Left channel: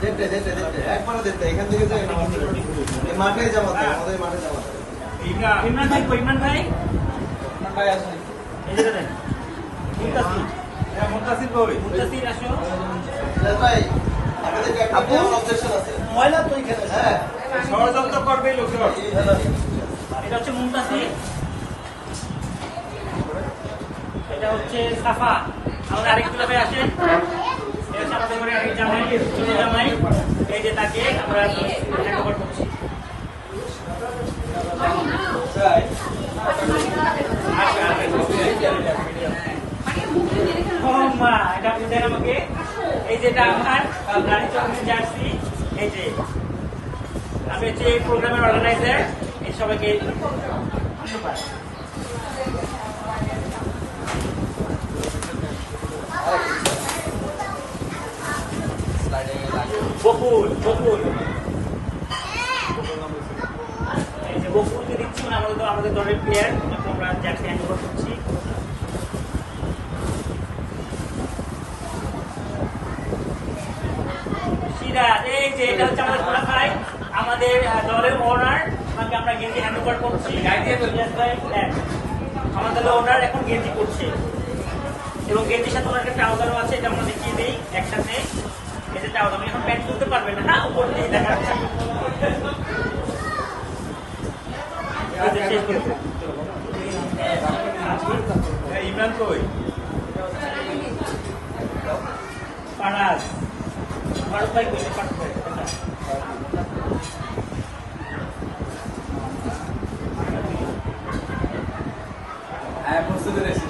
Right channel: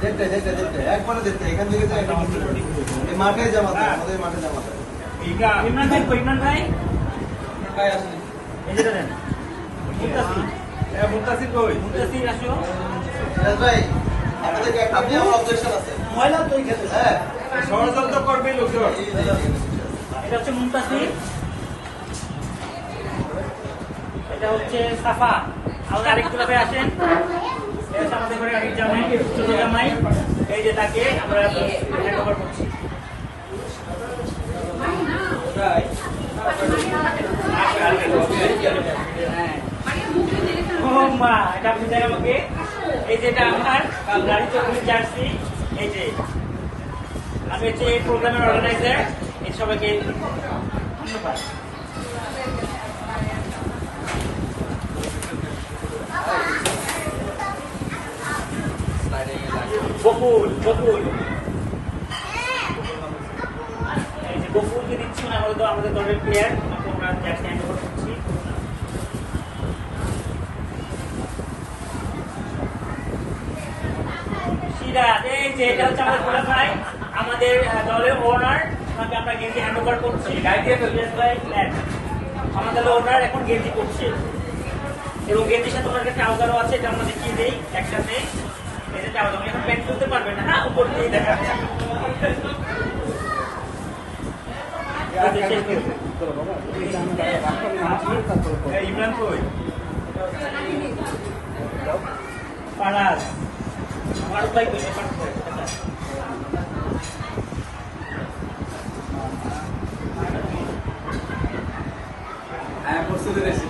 যেতে যেতে যেতে। একবারে যেতে এখান থেকে মাঠে জামাতে আমাদের মাঠে জামাতে ইমরান ভাই ইমরান ভাই ভাই। আসুন। এই যে দেন মুতাসির মুন্তাসির কই? মুতাসির আসো। ভাই আমাদের একটা অবজেকশন আছে। ময়লা তো এখানে হ্যাঁ। ষড়যন্ত্র করবে লোকজন। এটা হচ্ছে মুমতাসির এটা হচ্ছে সাফা। আমাদের আরেক ক্লাবে আসেন। এটা জামাই ছোট এই যে তাকে আমরা হ্যান্ডওভার করছি মা, এটা আপনি আমাকে। এই যেটা আমার রানী চৌধুরীর জার্সি। এই যে, আমি হচ্ছে এই প্রোগ্রামের অর্গানাইজার এই সবাইকে ধন্যবাদ। বকুল বকুল। এই যে বকুলকে দিচ্ছেন আমাদের আমাদের দলের প্লেয়ার আমরা যাকে হ্যান্ড ওভার করছি। সিরাজ এই এটা আমাদের গোলা ভাই। আমাদের দলের ওনার ওনাকে আমরা গেঞ্জি হ্যান্ড ওভার করছি। আমাদের ওনার এখন গেঞ্জি করছে এবং গেঞ্জির সাথে ওনার একটা ট্রাউজারও আছে, এটা আমরা দেখিয়ে দিই একসাথে। এটা ট্রাউজার আপনি এখন প্যান্ট তুলতে পারবেন না হ্যাঁ উপর দিয়ে দেখা ইমরান কই? পাড়ার পাড়ার ভাই কই? পাড়ার ভাই দেখা। হ্যাঁ প্রস্তুতি রেখেছি